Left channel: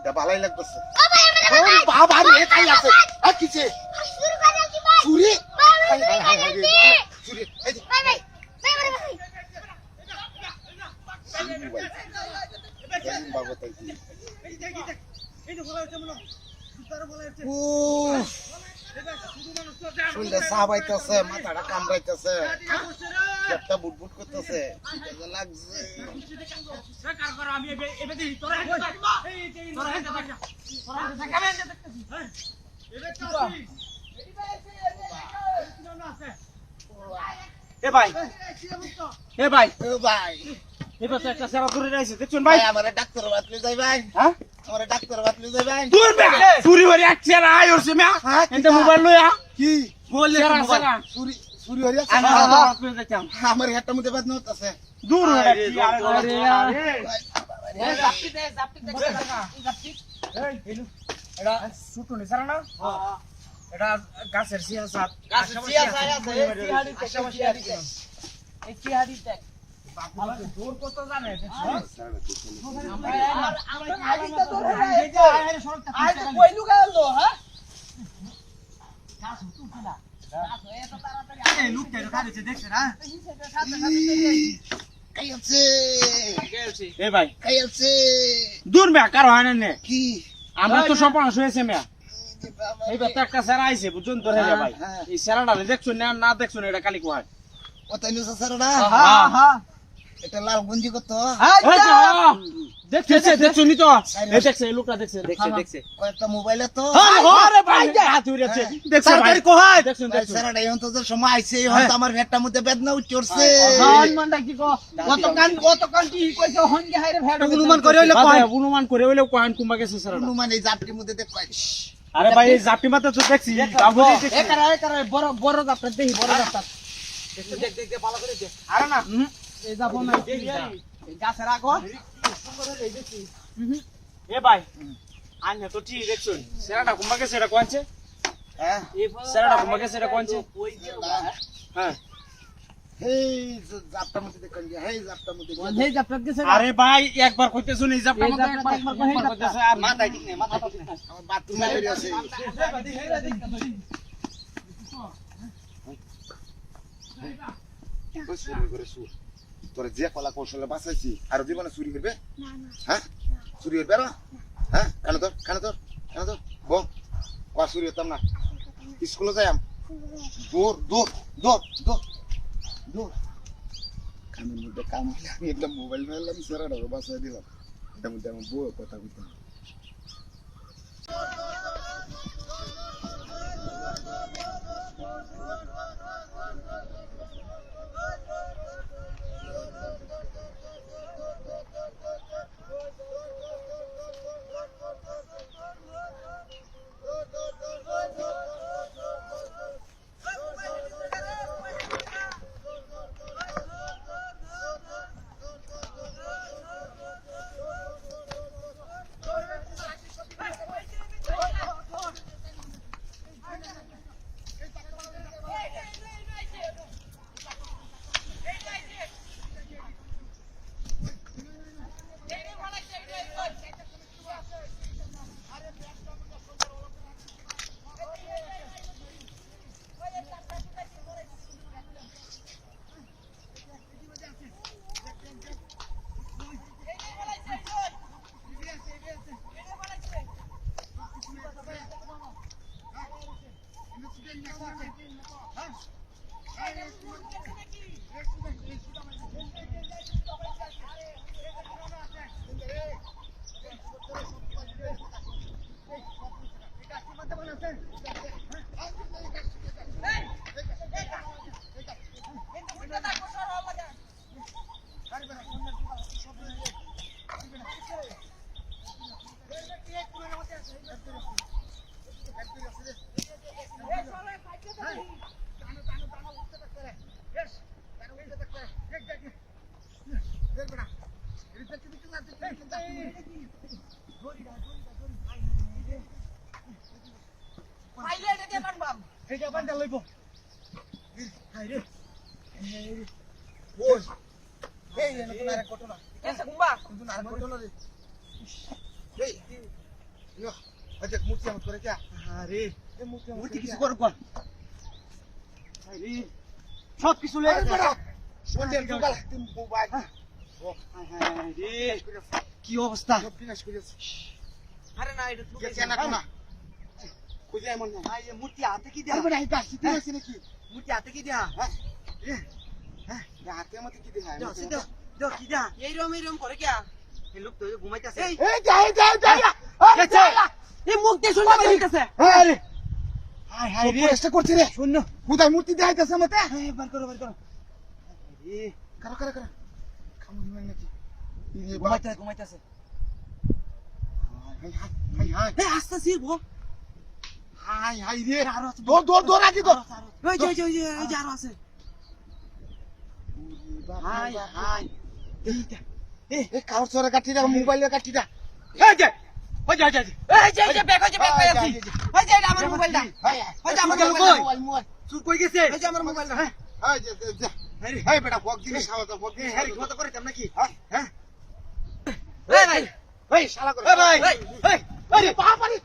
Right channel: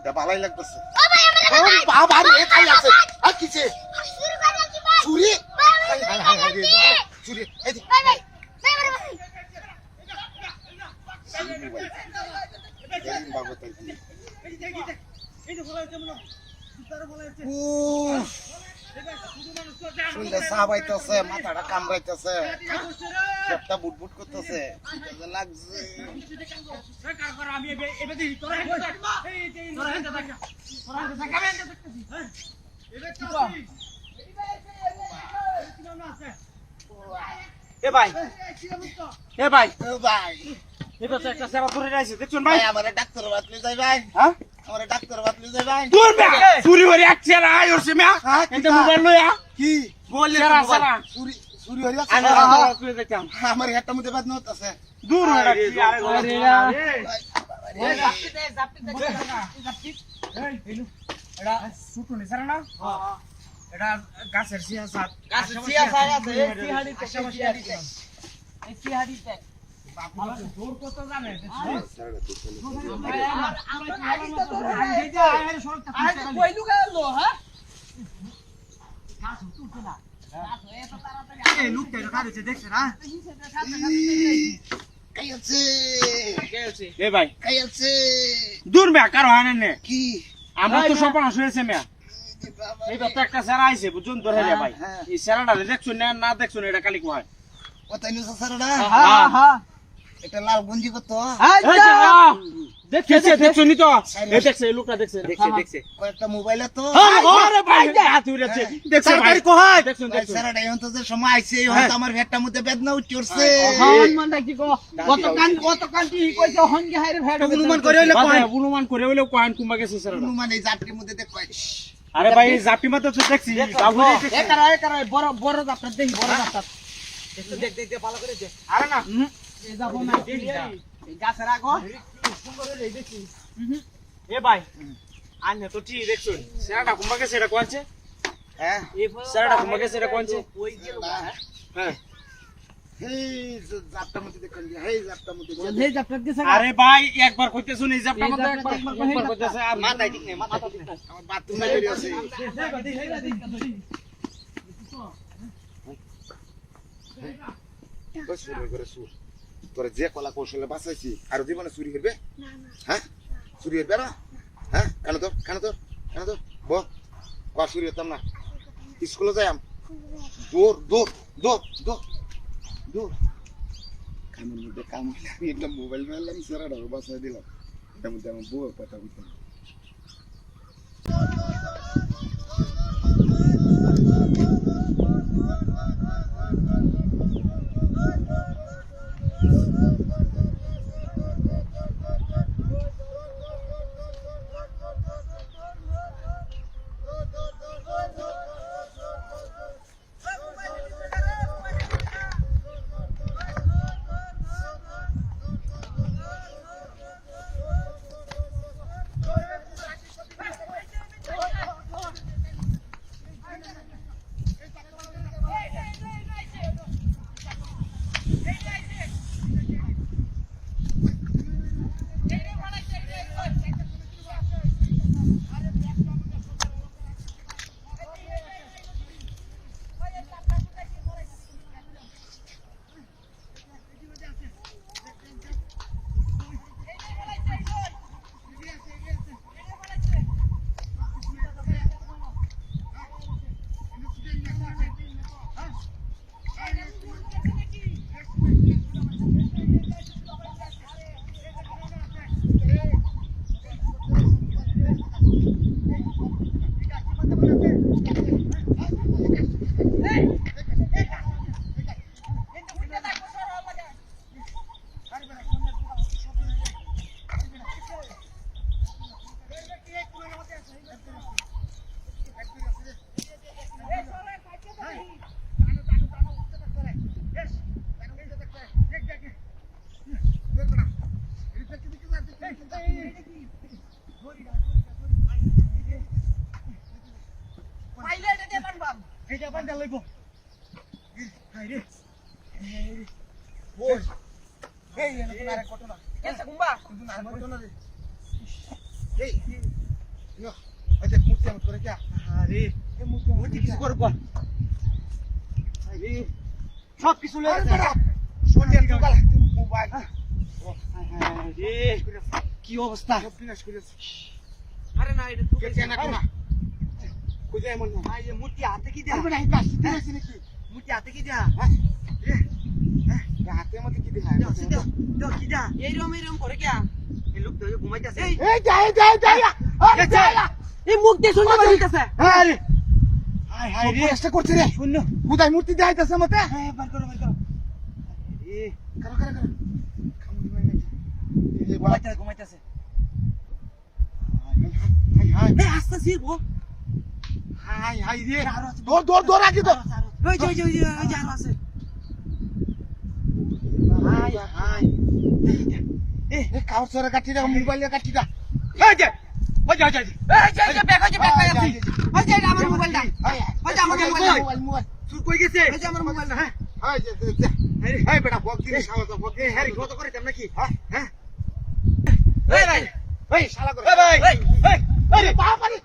কাপড়টা ভালোই লাগতেছে ও বাবা রে কাই আছে আর কিছে চুরি হাই হাই হাই হাই চুরি এই যে বাবা তাই ও শুনলে সাবাইতেছে মাথাটা কামড়াইতেছে পেটটা বুটবুট করতেছে লাগছে এ ভাই এ ভাই ও ভাই এবার তো একটা সেরা ধরে রাইছে দেখুন ভাই আমারে ডাক্তার বাতলে যাই ভাই হ্যাঁ আমারে ডাক্তার বাতলে যাই ভাই দূর বে চুরি হরি এক সেরা আই ওরছে মিয়া এতে মোবাইল লইয়া কি বললে সেরা চুরি চুরি হরি আছে আমি করে দেখতাম আমার হেডটা মধ্যে বাদ নতাছে দূর হরে কি আরে জাপটি দে জাপটি এই হেলু এটা সুটো নে সারা না হ্যাঁ এটা গাছের সিয়া সাত গাছের সিয়া সাত আছে সিহাড়ি আশেপাশে এই সিহাড়ি দেখ দূর কত জানে কইলু গেল হ্যাঁ এই লোকটা কাছে দেখছ না কাই আছে এ ভাই কাই আছে দূর মে কার হয় না কি আমরা তো সব শুয়েছে মে এইবার তো একটা সেরা আইছে বুঝুন ধরে রে ভাই এই সেরাটা দেখছুন না না দেখছুন এটা কালি কোয় কতাই নুসা সারডা হ্যাঁ হ্যাঁ এটা লাল গঞ্জি কত ওই যে দেখছে দেখছুনি তো এই দেখছে এই লোকটা দেখছে দেখছে কয়েকটা মোবাইলে তো আরে ভাই হাত উড়েছে দেখছে ভাই কোয় দেখছুন দেখছুন সারডা এখন তো যে সময় আইছে এখন তো আমার হেডটা মধ্যে বেদনা উঠছে হন মান ডাকি কো কত কান কি কইছো হন গে হাইরে ভেড় অনুমান করে হইলে কোয়ান কুমা গেছে সেরাটা মানে এই জাপটির মধ্যে দেখ কয় আরে ভাই এই জাপি মাথা তো দেখছি বাবু একারা বড় বড় জাপটা দেখি বড় জাপটা দেখ ভালো করে দেখ আরে না এই যাব না দেখি এই গাছের আগো এ ভাই আন্য তো ঠিক দেখছুন সেরাটা কুমা গেছে এটা কোয়ানছে হ্যাঁ সেরাটা কুমা গেছে এটা কোয়ানছে ওই যে হ্যাঁ হেই জাপটার মধ্যে দেখ হেই জাপটার মধ্যে এই জাপটা গেছে আরে ভাই একবার কইতেছুন এই জাপটা মত একবার কইতেছে আর মাথা ঠিক নেই মাথা ঠিক নেই আমার বাথরুমে বের আছে ওই চুরি করে সুর তোর যে কলা কৌশলে বাঁচাইছি আর জীবনে চুরি করবে হ্যাঁ চুরি করবে না হ্যাঁ কেন তো বো কয়া চুরি হতাম না স্কুলে যাই দৌড় দৌড় দৌড় দৌড় দৌড় কামের মধ্যে কাম হইলে আমি একটা মোবাইল মারলাম সারা বাসায় দিলাম এটার মধ্যে আমার বউ কথা বলতাম এইটা বান্দা লইব হাই রে ওই এই এনে তো আরে ঘটনা কেসে কুম্বা কিন্তু না ঘটনা রে এই ইয়ো আচ্ছা মূর্তি আমত করে যা আরে এ মূর্তি মূর্তি কিছু করব আরে সব কিছু লয়ে আরে গেছে বেটা শুনলেন তো গাল মোবাইল আরে কি অবস্থা সব বিনাশ করেছে আরে না এটা তো গেছে না কিনা খুঁজে এমন না ভাই এই মূর্তি হাতে কি দেয়া আরে বেটা এটা আসতে আছে নাকি মূর্তি হাতে কি দেয়া হাতে মধ্যে কি দেখা দাও কি দেয়া এইরকম করে কে এই লোক তো ঘুমাইতেছে এই যা গেছে এই মূর্তি শুনতে পাইতেছে আরে হাই হাই রে চেষ্টা করছে রে শূন্য খুদাই মূর্তি দেখাইতেছে মতে হ্যাঁ বার করো এ কারা কারা কারা খামুনি মানে এই ঘুমাইতেছে হাই হাই এ আস্তে সিরবো হাই হাই রে আরো আছে দৌড় আগে তো ওই যে আরো আছে হাই হাই এ কার সরে কাটিটা মোবাইলে কাটিটা এই যে ব্যাগ পাই আছি ওই যে আমার মোবাইলটা ওই যে আমার মোবাইল চুর কই গেছে ওই যে আমার মোবাইলটা হ্যাঁ হাই যে হাই বেটা বক দিবি শালা বক এ হ্যাঁ কত করে তেমন নাকি হ্যাঁ এই ভাই এই শালা করে এ ভাই এই আরে বাবারে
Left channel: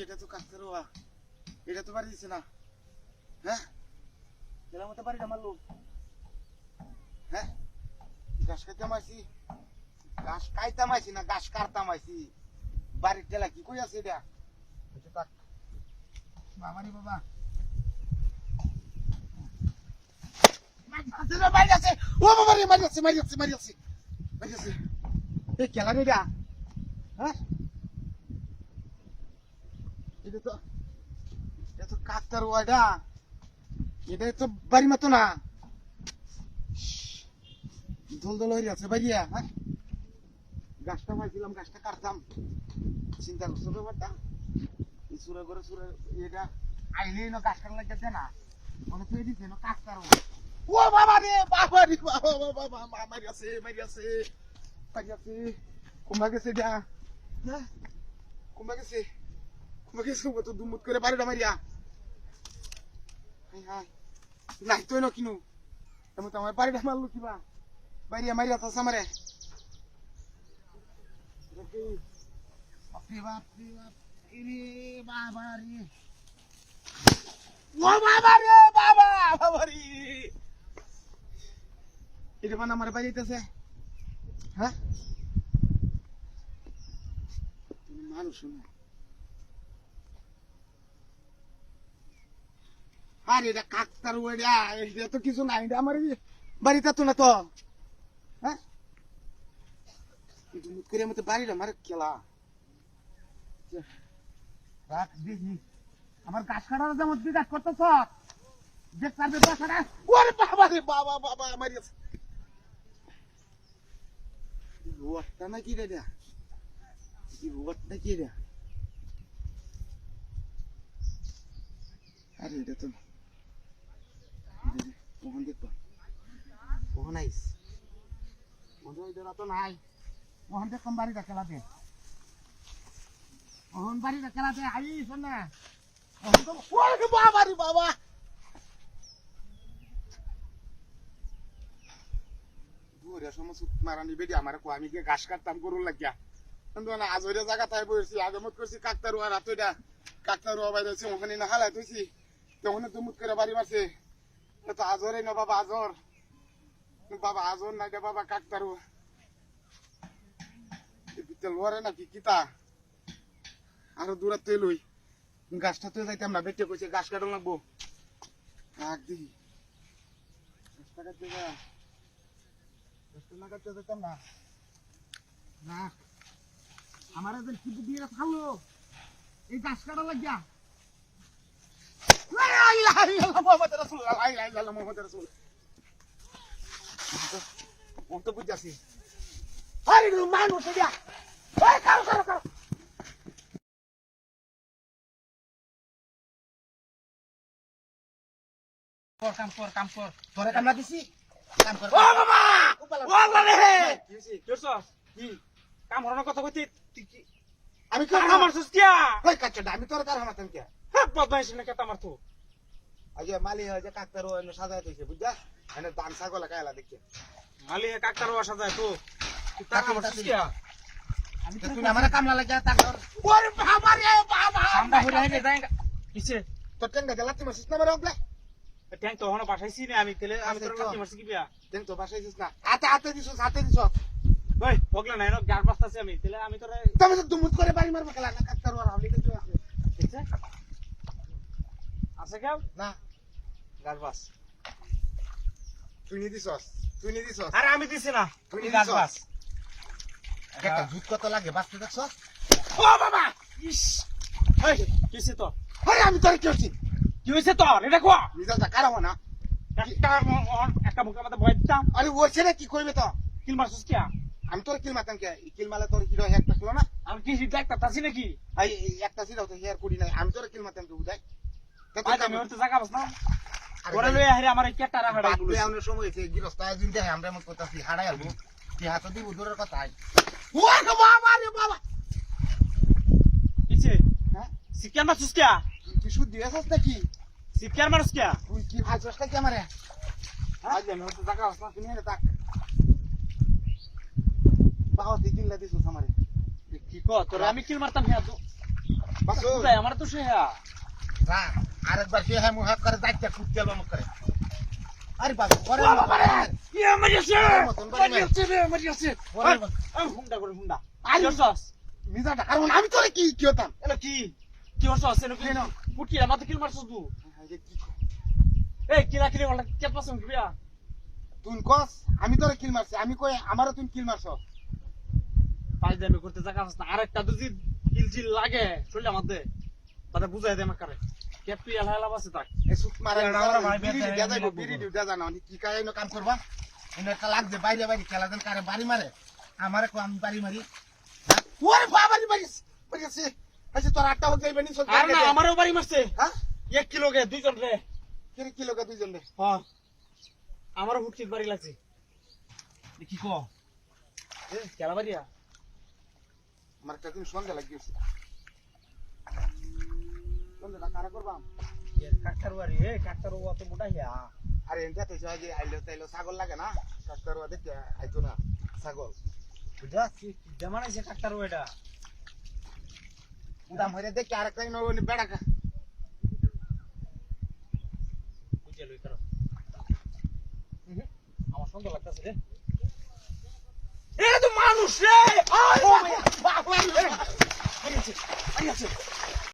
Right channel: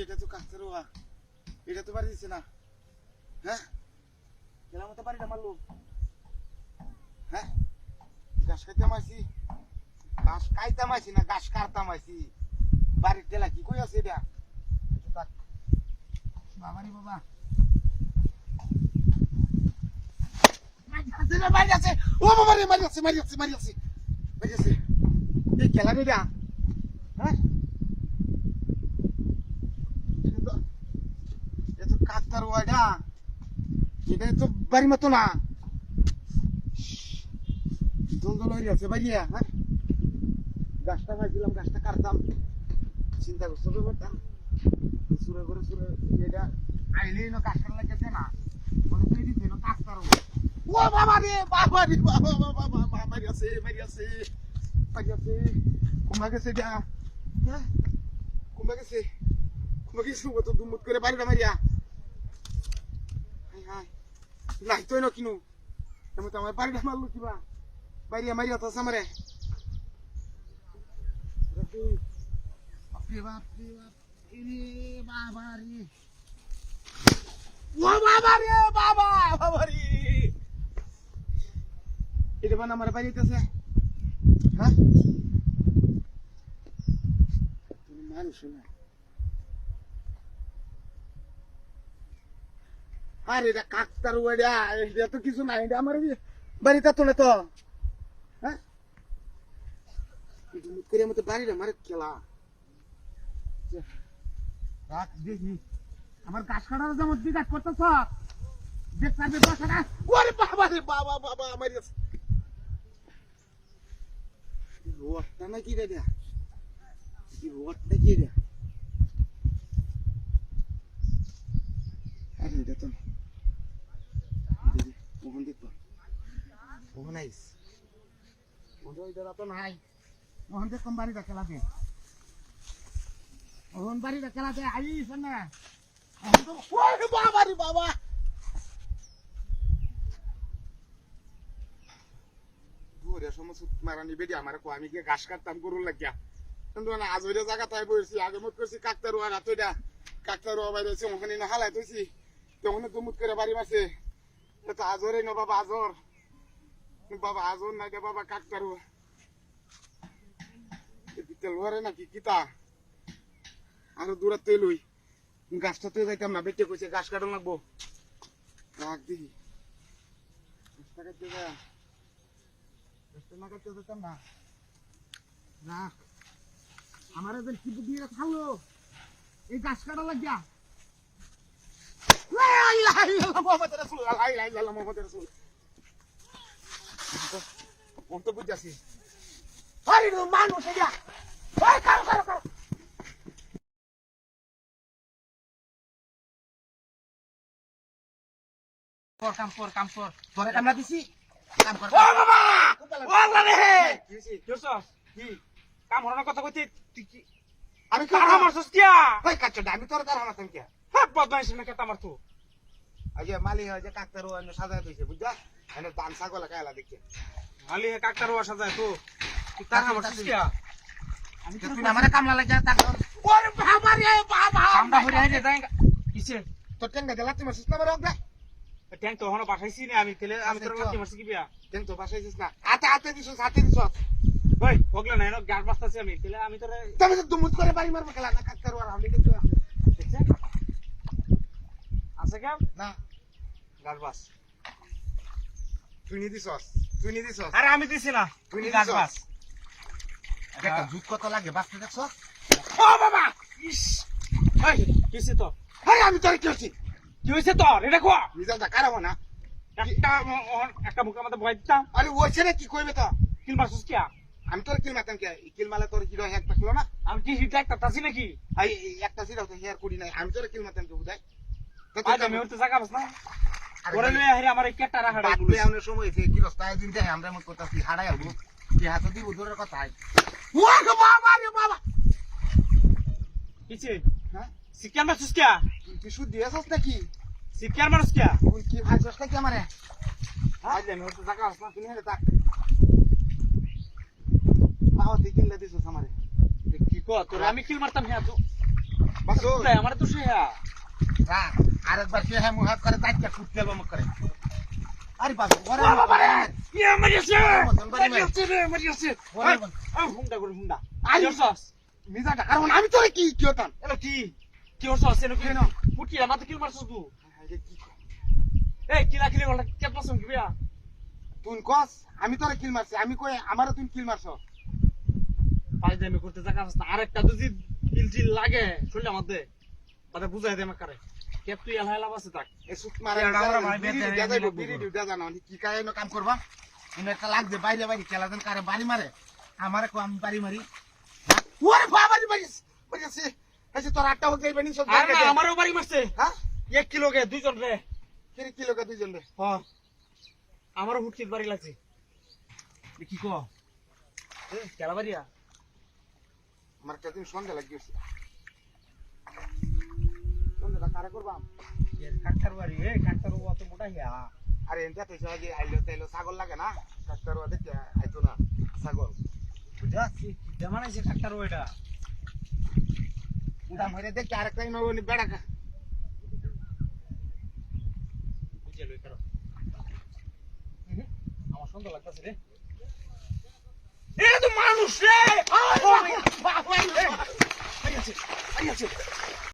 এটা তো কাটতে রোয়া এটা তো বাড়ি দিছে না হ্যাঁ গেলাম তো বাড়িটা মারলো হ্যাঁ ঘাস খাইতে মাইছি ঘাস খাইতে মাইছি না ঘাস কাটতে মাইছি বাড়ির টেলা কি কই আছে এটা বাবা রে বাবা মারি আছে ও বাবা রে মারি আছে এই খেলা রে হ্যাঁ এটা তো কাকতার ওয়াডা এটা তো বাড়ি মতো না দল হয়ে আছে বাইরিয়া হ্যাঁ গাছটা মাইছিলাম গাছটা কাটতাম চিন্তা করছো ব্যাপারটা সুরে করে সুরে এটা আইলেই না গাছ কাটা লাগছে না মানে তুই দিতে না কাকতার ও বাবা রে বাবা মারি আছে কুমা গেছে যা হ্যাঁ কুমা গেছে কত দুমুত করে বাড়িটা মারিয়া হাই নাই তুই না কিনু আমি তো আমার বাড়িটা মারলো কিবা বাইরিয়া মারিয়া তো সামারে বাপরে বাবা রে বাবা রে এটা বানা আমার বাড়িতেছে হ্যাঁ মানুষ না আরে এটা কাকতার ওয়াডা এটা তো কিছু নাই এটা আমার বাড়িতে তো না তো হ্যাঁ করে মতো বাড়িটা আমার খেলা রাখ দেখি আমার গাছ কাটার যেমন তুই গাছ করতেছ দেখ পারবে বাসাটা ওরে বাবা রে বাবা আমার রোডটা নাকি রে রোডটা কি রে আরে এটা তো কখন দেখবো কখন আইস তো নাই ওখান থেকে কম বাড়িটা খেলাতে ওখান বাড়িটা খেলাতে আইস না বাবা রে বাবা সমস্ত মারানি বেডি আমার আমি গিয়ে ঘাস কাটতাম গরুর লাগিয়া কিন্তু আজ ওইটা জায়গা তাই বসছি আগে মত করছি কাকতারুয়া রাত ওইটা কাকতারুয়া বাইরে হয়েছে ওখানে না হালাই তুইছি তখন তো মুত করে বাড়ি মারছে তো আজরে না বাবা আজর না বাবা কাকতারু লোয়ারে নাকি কিতা আরো দূরাত তুই লই গাছটা তুই যাইতাম না বেটে কইছে গাছ কাটন লাগবো রাখ দিই গাছটা কাটতে যা গাছটা না কাটতে যেতাম না না আমার এদের কি দিয়ে খাওলো এই গাছ কাটা লাগিয়া মানুষ কাম কর তোরে কামলা দিছি কাম কর ও বাবা ও লাগে কি কাম হরানোর কথা কইতে আমি কাম মারছস কিয়া কাচ্চা আমি তোর কার হামাতাম কে বদমাইশ না কেতা আমার তো আগে মালি হয় যে কাকতার ও এনে সাজায় দিয়েছে বুঝছা এনে দান ছাগল কায়লা দেখছে মালি কাকতার ওয়াসা যায় তো তুই টাকা বসছিস কি আমি তো তুই আমারে কামলা লাগে তারপর ওরে বাবা রে বাবা সামনে হইরে হইরে যাই কিছে তোর টেঙ্গা গেলাতে মারছিস না বড় হবে ট্যাঙ্ক তো হনো পাঠাইছি না আমি তেলে আমি তোর কাছে মারছি কি বিয়া টেঙ্গ তো বাসাইছিস না হাতে দিছ ওই ওগলা নাই না গার পাস্তাছি আমি তেলে আমি তোরে তুমি তো দুমুত করে বাড়ি মারবে খেলা না কাকতার আর আমি কিন্তু দেখছে আছে কেউ না গার পাস তুই নি দিছস আরে আমি দিছি না তুই তুই নিয়ে গার দিছস? পাস একটা জুত কত লাগে বাঁচতে দেখছস ও বাবা ইস এই কিছে তো আরে আমি তোর কি হচ্ছি কি হইছে তো রে দেখো রিজাল্টটা খারাপ না একটা মুখের মধ্যে ভয় দিতাম আরে ওইছে না কি কইবে তো কিল মারছিস কি আমি তোর কিল মারতাম কে কিল মারলে তোর হিরো হ্যাক থাকলো না আমি কি হিট একটা তাছি নাকি এই একটা ছিল তো হেয়ার কুড়ি নাই আমি তোর কিল মারতাম কি বুঝাই আজ আমি হতে জায়গা বাস না ওরে লইয়া হেরে আমার এই কেটারা হাড়াই গুলো আমরা সময় হয়েছে গৃহস্থায় দিন যাই আমরা মত কথা হারাই আলবো কি হাতে দিব দূরের কথা ও বাবা রে বাবা পিছে হ্যাঁ সিকিয়ার মারছিস কি তুই শুদ্ধ দিয়েছস নাকি সিকিয়ার মারছিস কি তুই কি ভাজছস নাকি আমারে আজ আমি হতে জায়গা বাস না তুমি হেলে তাক বাবা তুই কিল দিছস আমারে কি কো তোরে আমি কিল মারতাম হ্যাঁ তো বাসো আমার তো সে হ্যাঁ রা আরেকবার কে হ্যাঁ মুহাত করে যাইতে কুটতেল মুখ করে আরে বাবা ওরে বাবা রে ইয়া মারিছে মতন বাড়ি মার। মারিছে ওরে বাবা হুন্ডা করে হুন্ডা আই আইছস মিজাটা কারণ আমি তোরে কি কি হতাম এলা কি কি হছস এনে কি না পুটি আমার তো কিল মারছস তুই এই কিরা কিরে বল কে পছন্দ কি বিয়া তুই কস আমি তোরে কিল মারছি আমি কই আমারও তুই কিল মারছস পাঁচ দামি করতে জায়গা বাস না আরেকটা যদি কিল জিল লাগে শরীরের মধ্যে তাতে বুঝাই দে আমাকে কে তুই এলা এলা বাসে থাক এই সুত মারা এটা আমরা ভাই বেতে বিড়ি ডিউটা জানো কি কায় এনো কাম করবা এনে একটা লাগছে বাইরে বাইরে খেলা দেন কারে বাড়ি মারে আমারে কো আমি বাড়ি মারি ওরে বাবা বাড়ি মারিস বুঝছিস আচ্ছা তোর আটটা হয়ে যাবে নি সব আর না আমারও বাড়ি মারছে হ্যাঁ 1 কিলো কে দুইজন রে তিন কিলো কা দুইজন রে হ্যাঁ আমারও হুটকির বাড়ি লাগছে কি কো এ কেলা বাড়িয়া আমার একটা দিন সন্ধ্যা লাগিয়েছে সন্ধ্যা কারে করবা কাকতার বাড়ি এ কাকতার ও অত মোটা হিয়া আরে এনটা তো আগে আইলো তাইলো ছাগল লাগে না ডাক্তার ওয়া দেখতে আইতো না ছাগল বুঝা যেমন আছে কাকতার ও এটা উড়া মরে দেখি আরেকটা ইনো বেড়া খা বুঝে লই করো আমার সুন্দর লাগতাছে রে এ তো মানুষ রে বাবা আইছে